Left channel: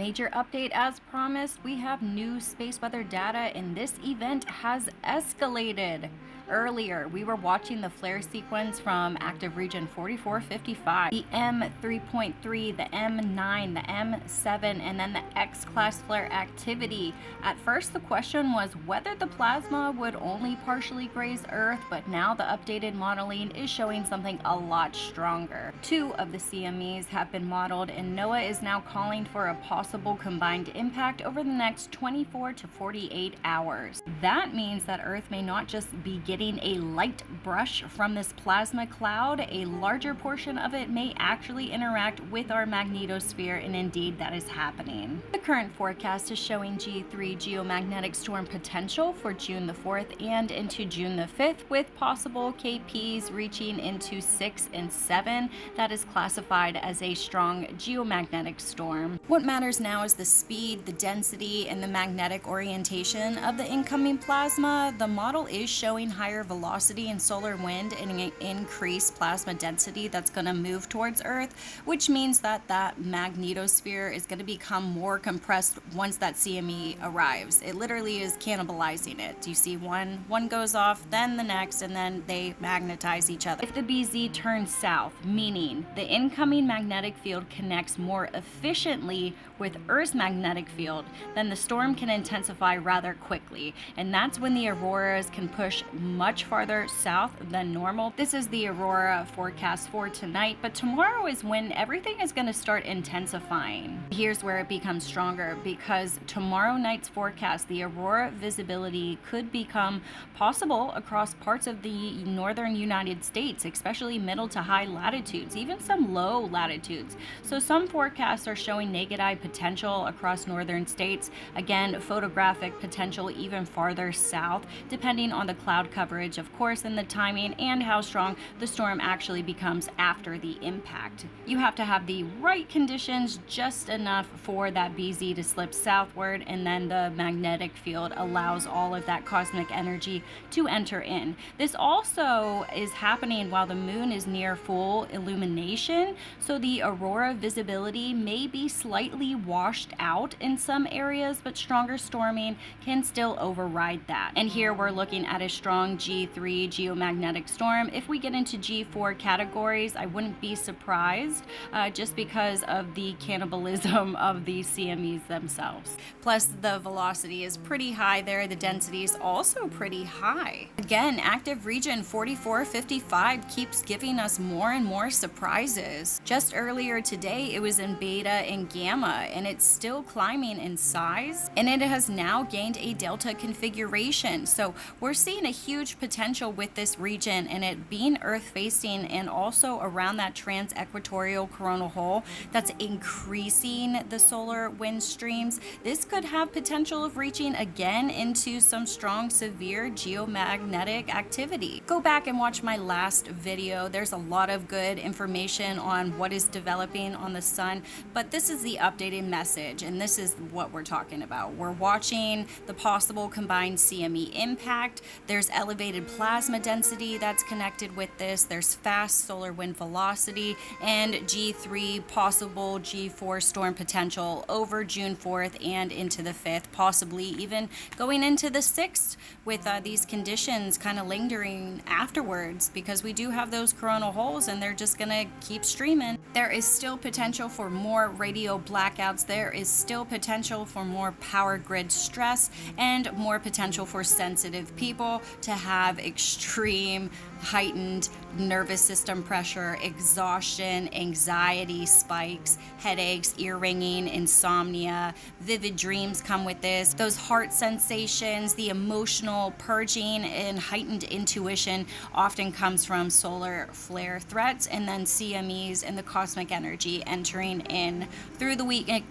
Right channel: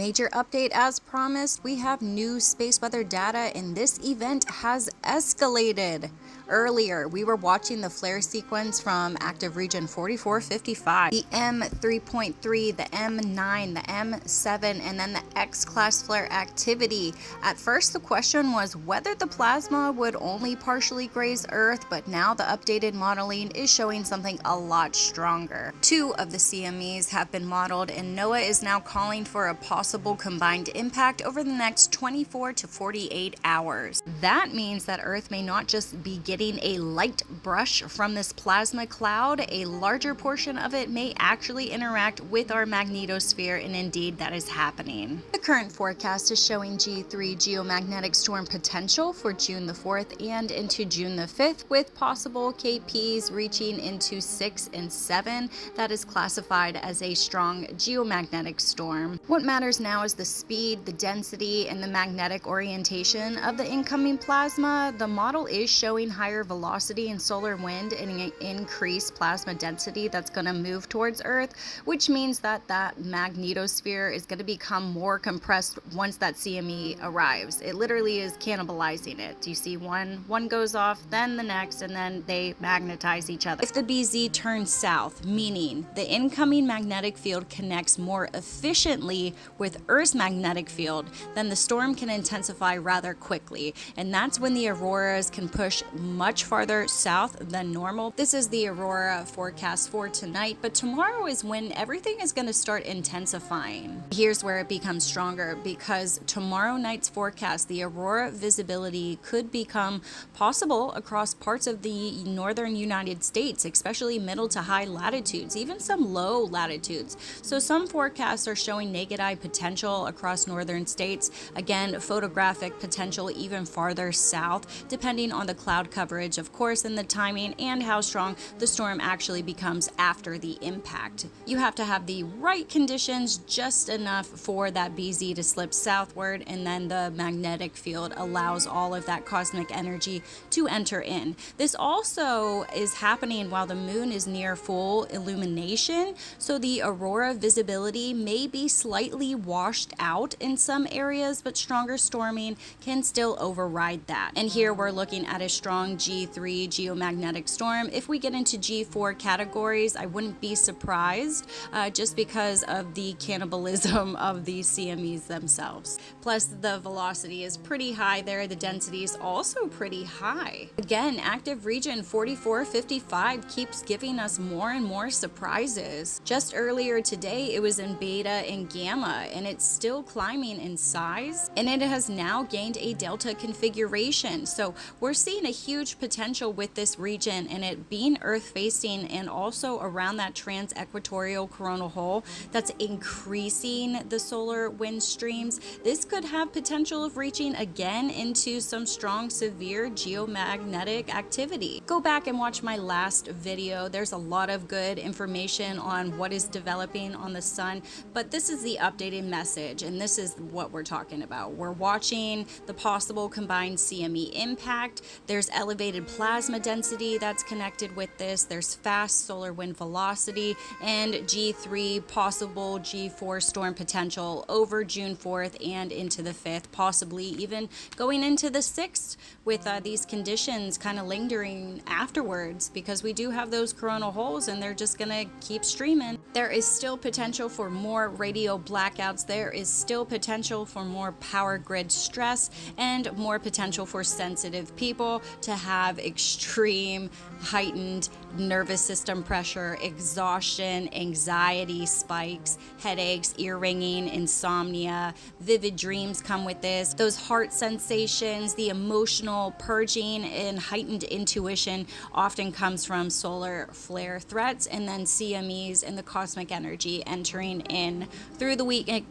Major update as promised, we have new space weather data and this event has escalated. Earlier, we were watching the flare sequence from active region 4455, the M3.3, the M9, the M7, and then the X-class flare activity. At first, the question was whether the plasma would only partially graze Earth, but now the updated modeling is showing something a lot stronger. Two of the CMEs have been modeled, and NOAA is now calling for a possible combined impact over the next 24 to 48 hours. That means that Earth may not just be getting a light brush from this plasma cloud, a larger portion of it may actually interact with our magnetosphere, and indeed that is happening. The current forecast is showing G3 geomagnetic storm potential for June the 4th and into June the 5th, with possible KPs reaching into 6 and 7. That is classified as a strong geomagnetic storm. What matters now is the speed, the density, and the magnetic orientation of the incoming plasma. The model is showing higher velocity and solar wind and an increased plasma density that's going to move towards Earth, which means that that magnetosphere is going to become more compressed once that CME arrives. It literally is cannibalizing it. You see one goes off, then the next, and then they magnetize each other. If the BZ turns south, meaning the incoming magnetic field connects more efficiently with Earth's magnetic field, then the storm can intensify rather quickly, and that's when the auroras can push much farther south than normal. This is the aurora forecast for tonight, but tomorrow is when everything is going to start intensifying. Here's where it becomes stronger, because tomorrow night's forecast, the aurora visibility could become possible across parts of the northern United States, especially middle to high latitudes, even some low latitudes. So some forecasts are showing naked eye potential across northern states. Again, photographic potential even farther south, depending on the cloud coverage, of course, and the timing and how strong the storm actually becomes after the impact. You have to have the right conditions, just enough for that BZ to slip southward, and then the magnetic field allows all of that cosmic energy to enter in. This also is happening while the moon is near full illumination, so the aurora visibility may be slightly washed out in some areas, but stronger storming can still override that. And here we're looking at a strong G3 geomagnetic storm. If we get into G4 categories, I wouldn't be surprised, just because of the cannibalism of the CMEs themselves. Plus, the velocity is pretty high there. The density is also pretty high. Again, active region 4455 keeps giving us more and more surprises. Just earlier today, it was in beta and gamma, and it's still climbing in size, and it has now gained a delta configuration. So we're seeing a huge potential with this region, and it being Earth facing and also around that trans-equatorial coronal hole that's increasing the solar wind streams. This could have potential of reaching again into some strong severe geomagnetic activity. Go back and watch my last video. There's a lot of good information on what is developing on the sun, but this is the updated message, and this is what we're talking about. We're watching the possible combined CME impact. There's elevated plasma density that's connected with this. There's fast solar wind velocity and G3 possible G4 storm potential over June 4th and into the 5th, possibly even going into the 6th with these conditions kind of lingering afterwards, because we do have those coronal holes and they're just gonna keep streaming. There is still potential for more radio blackouts. There is still potential for more power grid stress and more potential for sensitive people to have extreme heightened nervous system pressure, exhaustion, anxiety spikes, headaches, ear ringing, insomnia. Vivid dreams come with this. Those heart sensations, the emotional purging and heightened intuition often comes from solar flare threats, and then CMEs and the cosmic energy entering in through the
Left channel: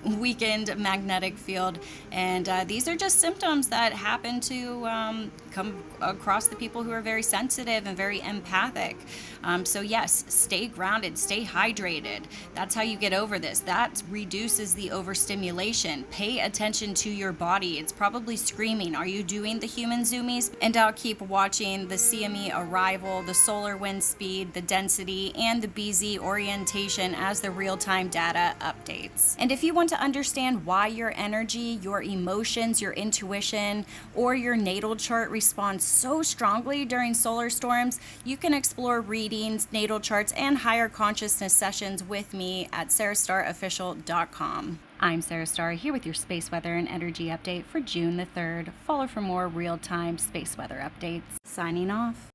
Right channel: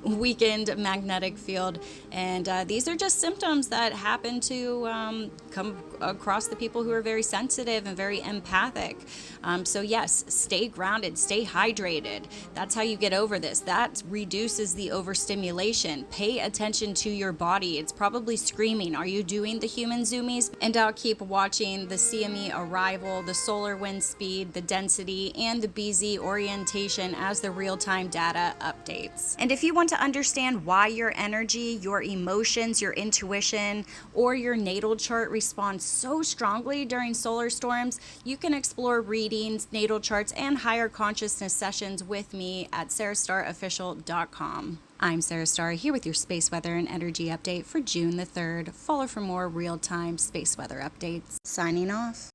weakened magnetic field. And these are just symptoms that happen to come across the people who are very sensitive and very empathic. So yes, stay grounded, stay hydrated. That's how you get over this. That reduces the overstimulation. Pay attention to your body. It's probably screaming, are you doing the human zoomies? And I'll keep watching the CME arrival, the solar wind speed, the density, and the BZ orientation as the real-time data updates. And if you want to understand why your energy, your emotions, your intuition, or your natal chart responds so strongly during solar storms, you can explore readings, natal charts, and higher consciousness sessions with me at sarahstarofficial.com. I'm Sarah Star, here with your space weather and energy update for June the 3rd. Follow for more real-time space weather updates. Signing off.